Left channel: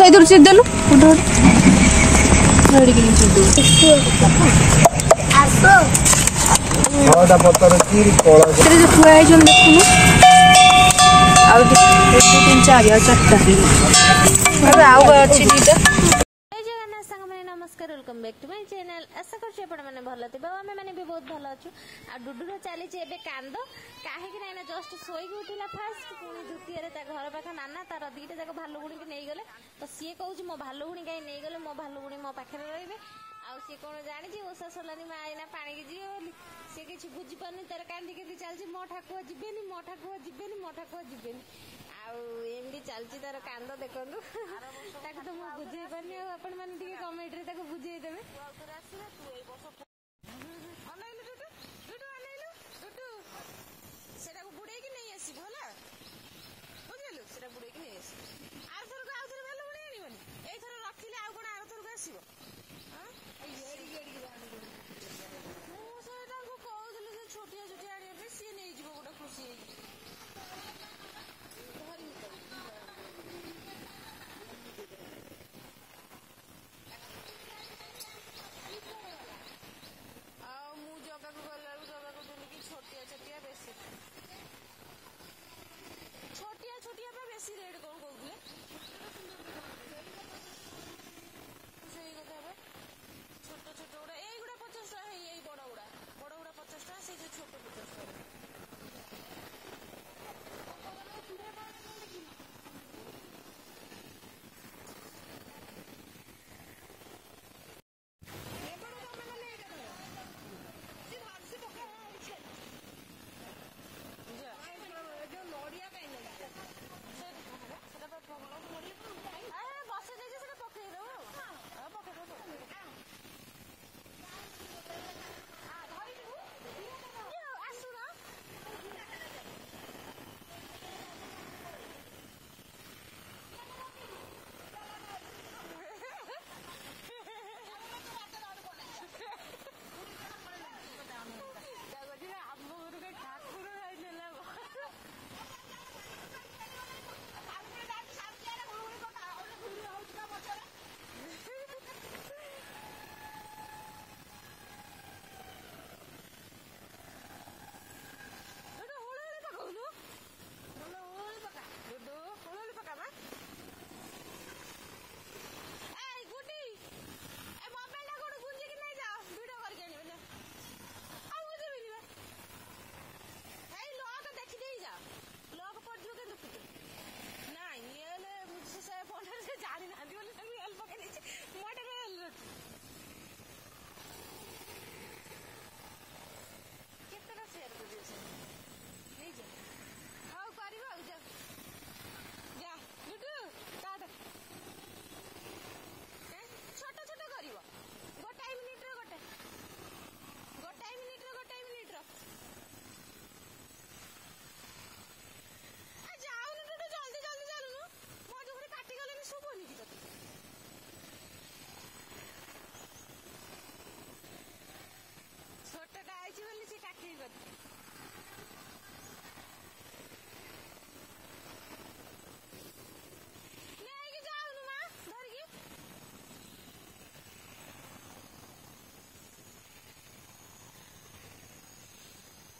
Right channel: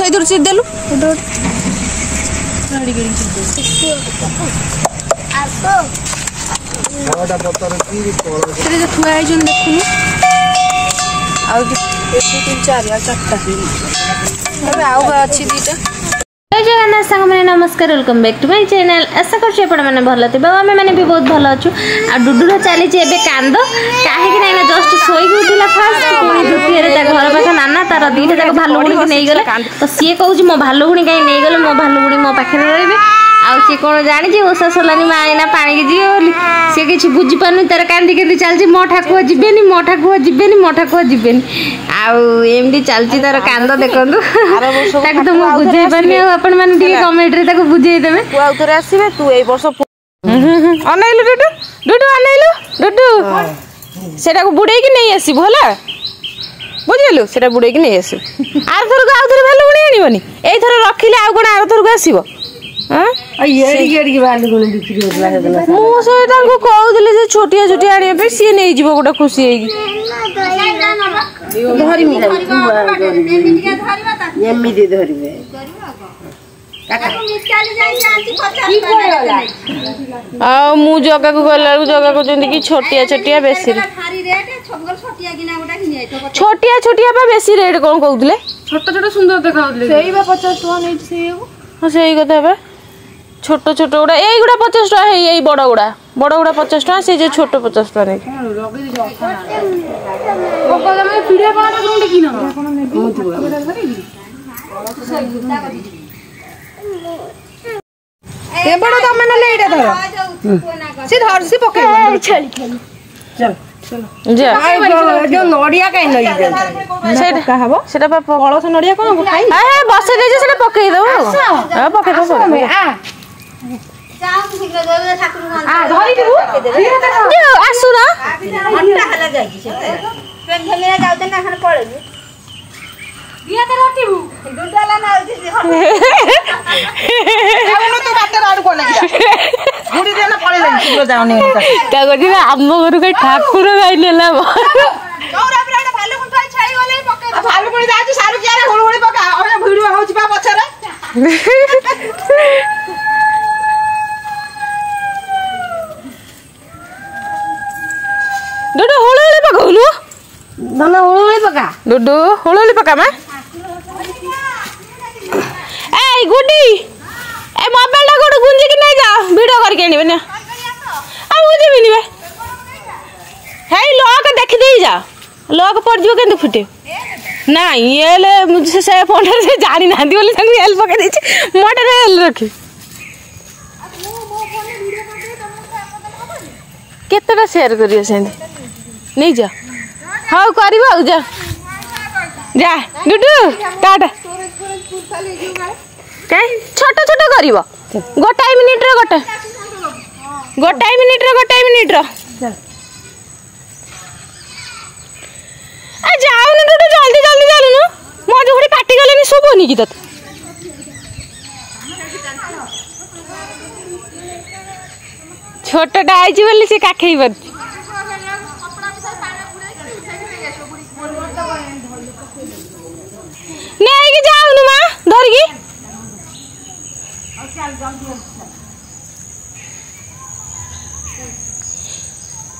ସେଇଥିରୁ ଚିରିଦେଲୁ ଥୁଆ ହେଇଛି ଦେଖୁନୁ ଆଉ 3 4 4ଟା ଆଉ ଅଛି ଦିଟା। जय जगन्नाथ सांग मैंने नमस्कार welcome back to my channel. आशा कर भल थे आम मैंने भी बहुत भल अच्छु। आ डुडुर चली कांद कहीं जस्ट शोक उठला फास्ट द्वितीय घर पाख नाना तार दीटा जाक भालुगुणी की नहीं गले तो सी कहूँ मो भालुगुणी कहीं नहीं गले मो भालुगुणी मो पाखे रे आउ सी कौन जानी ओषा सरलानी माँ एना पानी की जीवे बोली सी किसी बुझी पार्न तार कांदी के चलती मो ठाकुआ जीवेनि मो ठाकुआ जीवेनि मो ठाकुआ जीवेनि आमती चलती तार कांद देखूँ तो मुझे बुझे पार्नी आपण मैंने कमेंट रे बुझे देवे आउथरे आसीबे तू ए वर्ष अनैलु डुडु डुडु अनैलु डुडु सेटा को बुड़े की नहीं आसीबो हला बुझिलु सेटा बुड़े की नहीं आसीबो आर थर को आउथरे भालु गुणी आनिबनी एई थर रखिले आ कोन आर थर को आसीबो हां एड़ी भालु गुणी बिक्री होतला हेदला मु से तांको कहउदिले जे छोटिया छोटिया आनिबे पे सी नहीं जीवो गोटा खुशी हेगी धरि मिला एमिदि धरिबे आ मु जगह को गला जगह को जंदी की छोटिया छोटिया बेसी छोटिया छोटिया बा बेसी रेट कोन कहउदिले छोट छोट सुंदर देखाउदिले सेई बा 50 टका नै सेई हां सेई कथा बा छोट छोट गुड़ा एई गुड़ा 50 टका है एई बड़ गुड़ा 50 टका से जे छोट 50 टका नै ओ कदम पीड़े पाना कोन की न ए बड़ त मन ले एटा धर सी धर सी पके छली चल चलो जा जो नडिया काई नई जा सेटा का हबो सेटा फळस नडिया कोन खाई हां बसे दे जे सेटा पके दो हां पके दो आ जाऊ शीघ्र दे ठाकुर मान आ धरि दिबु जो आसु ना घंटा हला जाई से पेन धमेरा जाउते ना खन पळेबी बिया ते रोटीबु दुडाला ना आउनु तो बाटे राड कोन गुडी देना पळे जाई शीघ्र जाउनी का गजी आम घर के ठाकुर गाइलेला गौरा ब्राड भालु कोन थाई छाई वाले पके भालु कोन जाची सारु कियारे हुळुहुळी पका ओने भिडियो होउची बा पछरे डुडु होळोळी पकाउनु दना हुळुहुळी पका डुडु होळोळी पका मा ए गुडी ए मोबाइल टा गोड गुंजी की नहीं जा वीडियो करके आनिबे ना आ मुझे भी नहीं हे लॉक देख दे जा लॉक पड़ जो केंद फुटे ना ये ले मुझे से फोन से जानी ना दी बोली संग एल पके दे छी मोटर एल रखी केतटा शेयर करियो सेंदी नहीं जा हाउ करबो जा जा डुडु टाटा काई छोट छोट करबो गोटाई मिनिट रे गोटाई मिनिट रे आ जाओ न डुडु जल्दी जल्दी चलनु मो जोड़ी काटी गलेनी सोबोनी की तत छोटटा आइजी बोली से काखई बद नहीं कि जाओ न मां धर की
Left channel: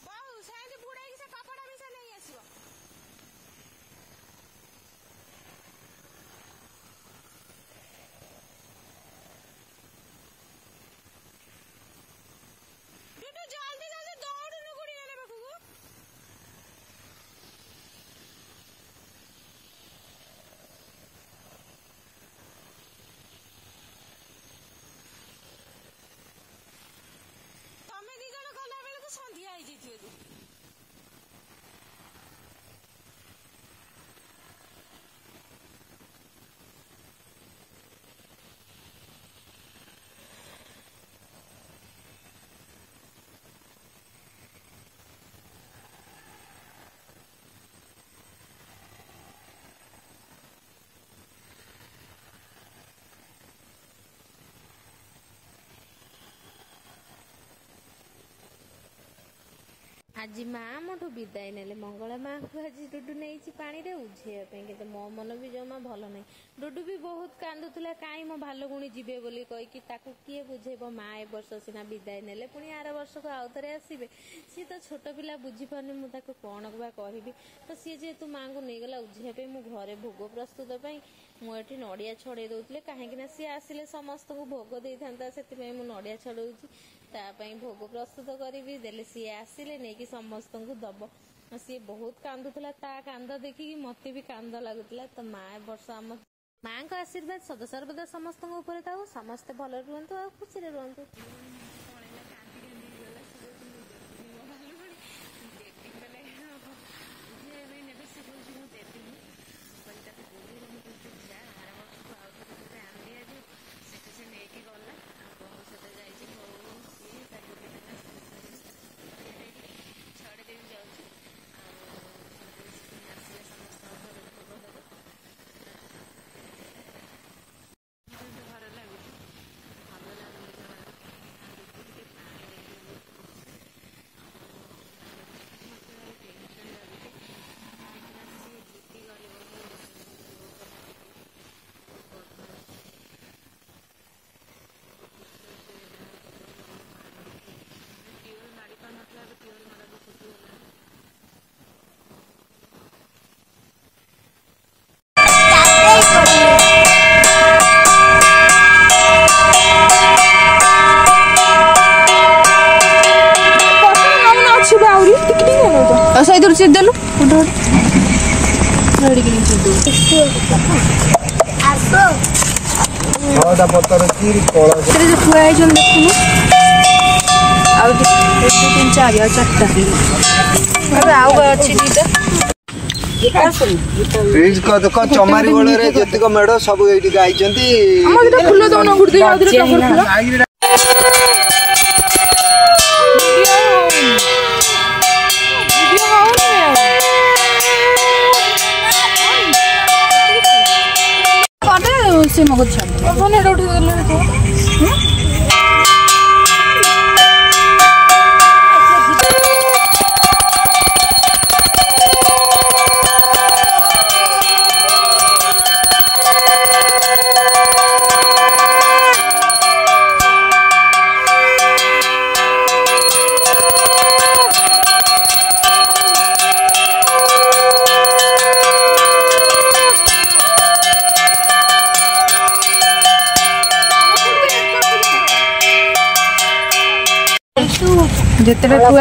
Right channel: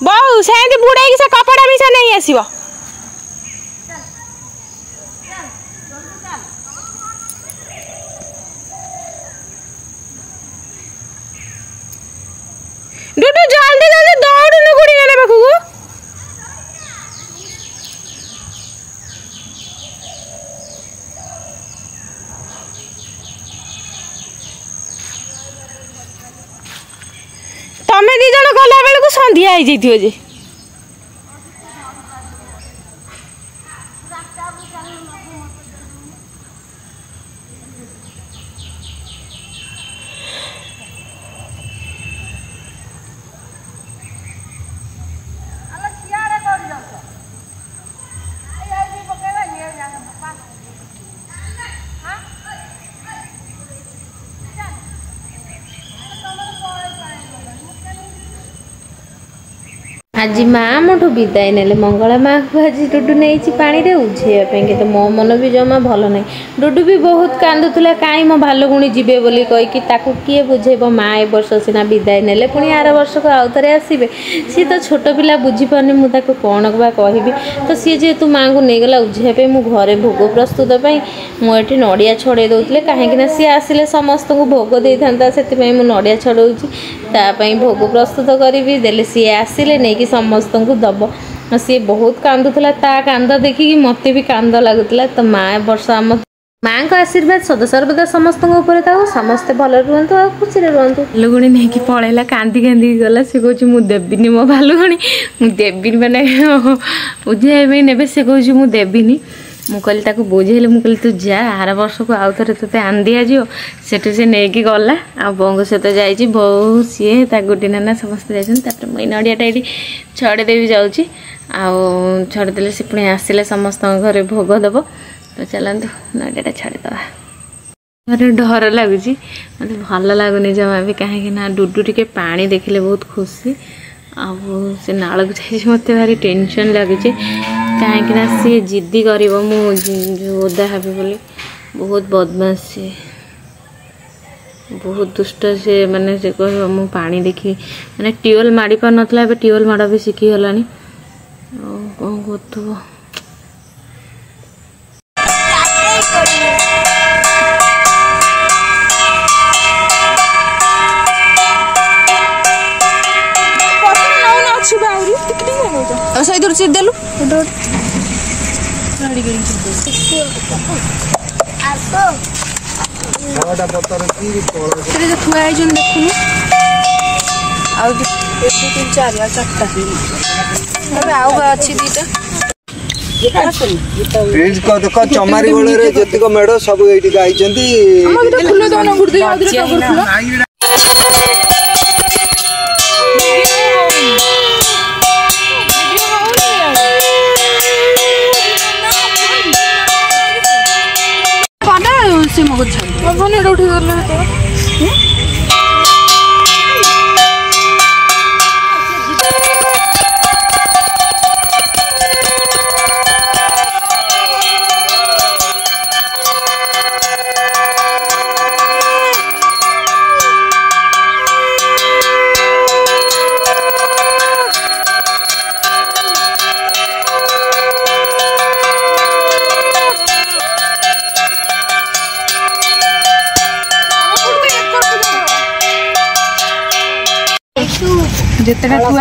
बहु सेंदी बुड़ाई की से कपड़ा मिसा नहीं आसीबो डुडु जल्दी जल्दी दौड़ न गुड़ी ने पाखु तमे दी जण गला बेल को संध्या आई जइथियो जे आज माँ मोठू विदाय ने मंगला माँ को आज डुडू नहीं पानी रे उझेया तो मो मन भी जमा भल ना डुडू भी बहुत कांदुला कहीं मो भालुगुणी जीवे बोली कहीकि किए बुझेब माँ ए वर्ष सीना विदाय ने पुणी आर वर्ष को आउ थे आसवे सी तो छोट पिला बुझीपारे मुझे कौन बा कहबी तो सी जेहेतु माँ को नहीं गला उझेया मु घरे भोग प्रस्तुत मुझे नड़िया छड़े दौले कहीं सी आसिले समस्त को भोग दे था से नड़िया छड़ाऊँगी भोग प्रस्तुत करी देले सी आसिले नहीं समस्त को दब सी बहुत कांदुला ता कांद देखिकी मत भी कांद लगुला तो माँ वर्ष आम माँ का आशीर्वाद सदा सर्वदा समस्त समस्ते भल रुहतु आ खुशी रुहतु भालुगुणी नहीं कि पलैला कांदी कांदी गला सी कह मुझे देवी मो भालुगुणी मुझे मैंने बुझे ने से कह मुझे देवी मु कहली बुझेली मुझे कहली तू जा आर वर्ष को आउ थे ते आन दिज सेठू से नहीं गला आ बोंग सहित जाइए बो सी गुटी नाना समस्ते जाते मुझे नड़ियाटा ये छड़ेदेवी जाऊँगी छड़ेदे से पुणी आसिले समस्त घरे भोग दब तो चलते नड़ियाटा छाड़ीदे अरे डर लगुच मत भल लगुनि जमा भी कहीं डुडू टे पा देखले बहुत खुशी से नाल को जाइए मत भारी टेंशन लगुच कहीं सी जिद्दी कर ओदा हेबी बोली बहुत बदमाश से बहुत दुष्ट से माने से कह मु पानी देखी मैंने ट्यूबवेल माड़ी पार नाला ट्यूबवेल माड़ भी शिखीगला कौन कर चमारी बड़े जतिक मेढ़ सब ये आई से मगज छाड़ उठी जितने तोर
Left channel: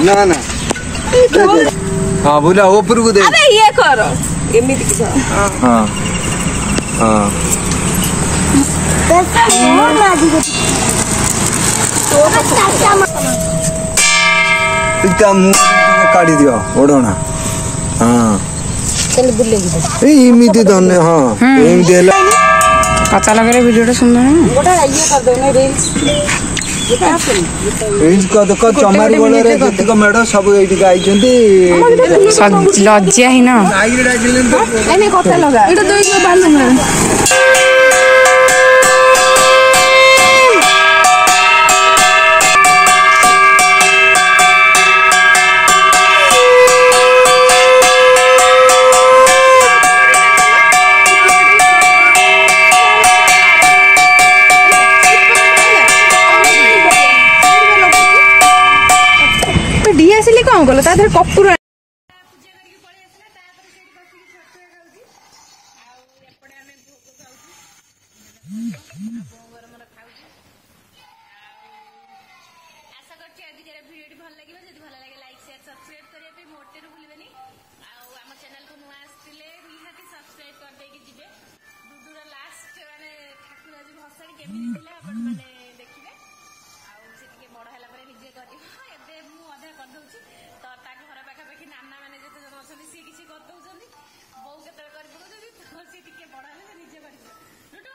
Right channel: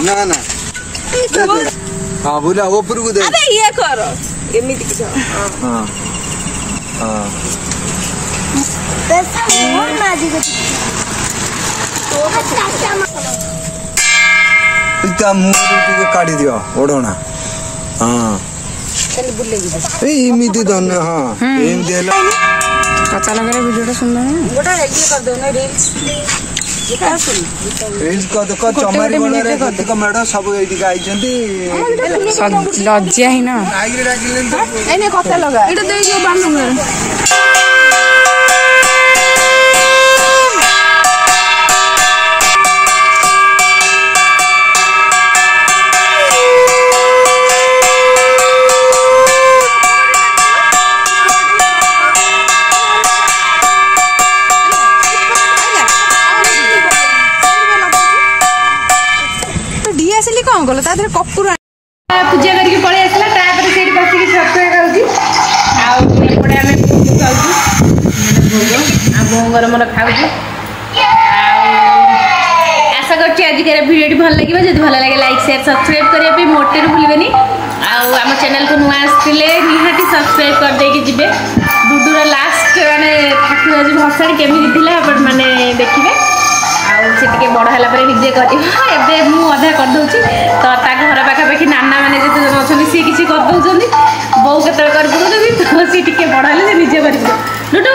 ना ना हाँ बोला वो पर दे अरे ये करो एमिति हां हां इतना मुंह काटी दियो ओडोना हां चल बुले ए इमिति धन्य हां एमिति हेला कच्चा लगे रे वीडियो सुंदर है गोटा ये कर दे ना रील्स देखो चमारी बड़े जतिक मेढ़ सब ये लज्जा ही ना कथा लगा कौन कल कपूर पूजा करके पड़े आसला से बसिक सत्य खाऊँ आउटे आम भोग खाऊँ भोग आ बोंगर मोर खाऊँ आशा कर आज भिडियो भल लगे जब भल लगे लाइक शेयर सब्सक्राइब करने मोटे भूलें आम चैनल को नुआ आसते निहाती सब्सक्राइब करदे जी डुडूर लास्ट माने ठाकुर आज भसाणी केमी मैंने देखिए से बड़ है निजे कर अधा करदे तो घर पाखापाखि नाना मैंने जिते जन अच्छा सी किसी करदे बो के कर सी टिके बड़ हेले से निजे कर डुडू